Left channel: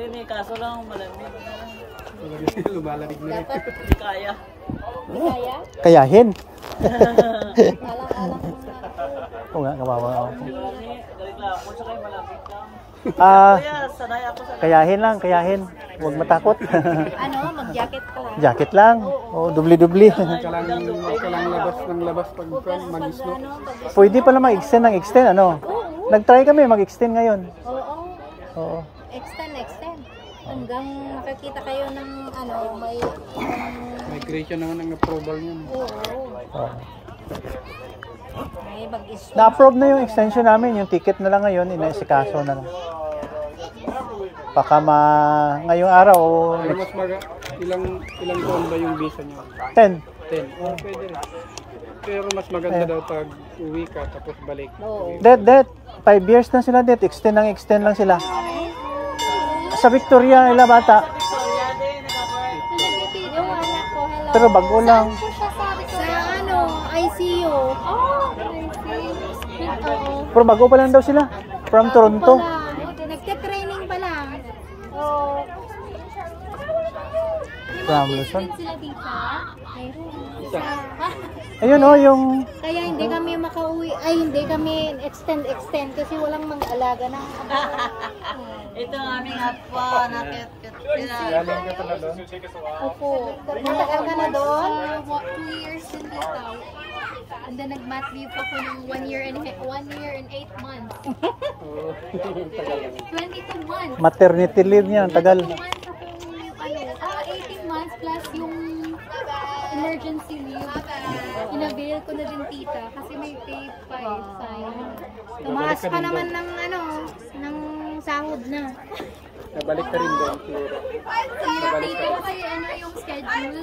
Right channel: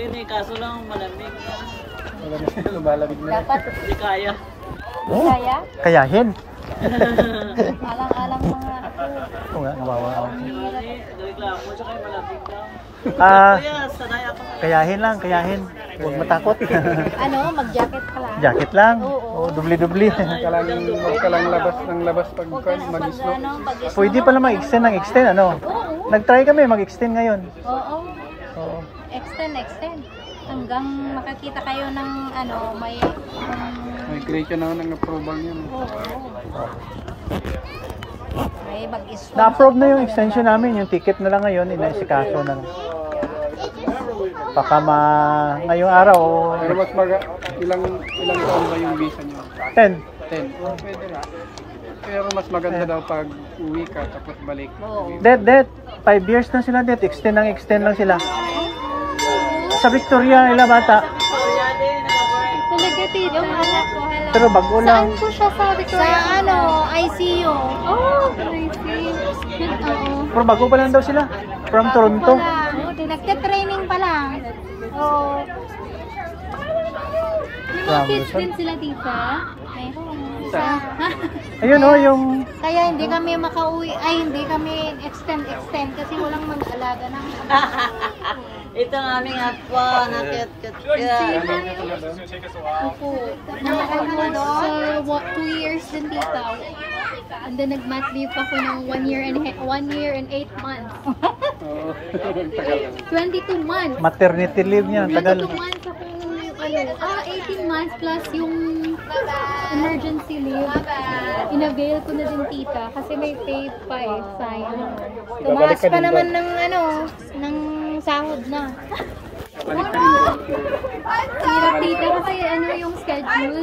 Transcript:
Maririnig, kaso lang malamig na. Lumalamig na. Dapat Hindi kaya. kaya. Kayahin. Alang-alang mga ako. Oo nga, nawawala ako. Reklamo sa kayo malamig na. Ah, Kaya sanay ako sa kayahin lang, kayahin. Huwag matakot. Ano, mag-jacket pala. Jacket lang. Oo. Oo, dubli-dubli. Huwag ka lang labas ng labas pag Huwag ka nang mag-snow. pag-snow. Pwede pala mag-extend ng extend, ano? Oo. Nag-try kami mag-extend ngayon. Oo. Oo. Extend. Hanggang makakita kayo ng ano, may... May create na ng approval niya. Oo. May mag-snow. Na-approve na yung extension namin. Yung ticket na lang ngayon, inaisikaso na lang. Baka ngayong araw o Pero mas ilang taon ba yung visa niya? 10. 10. Oh, pwede rin. Pero mas maganda daw pag uwi ka tapos balik. Oo. Det. 5 years na sila, det. Extend lang sila. Sa Victoria, nila bata. Talaga tita. Yung anak ko, hello. Pero bago lang. Saan po siya sa Victoria? Sa ano, ICU. Oh, ICU. Oo. Pero bago pa lang daw sila. From Toronto. Nagka-training pa lang. Oo. May mga kids din sila tita. Isa. Ayun o, yung... Kaya hindi kami makauwi, hindi kami extend kasi walang mag-alaga ng ito ang aming aqua na cute. Opo. Naganda na doon. 2 years din dito. And then nag-mat leave ako ng 1 year and 8 months. Oo. Tagal lang. 22 months. Maternity leave niya, tagal. 22 months ako, 18 months plus yung emergency leave. Inavail ko na din tita kasi may pay pa sayang. Tumaas pa naman ng ng sahod na. Balik ka rin ba? Hirap tita kasi yung schedule.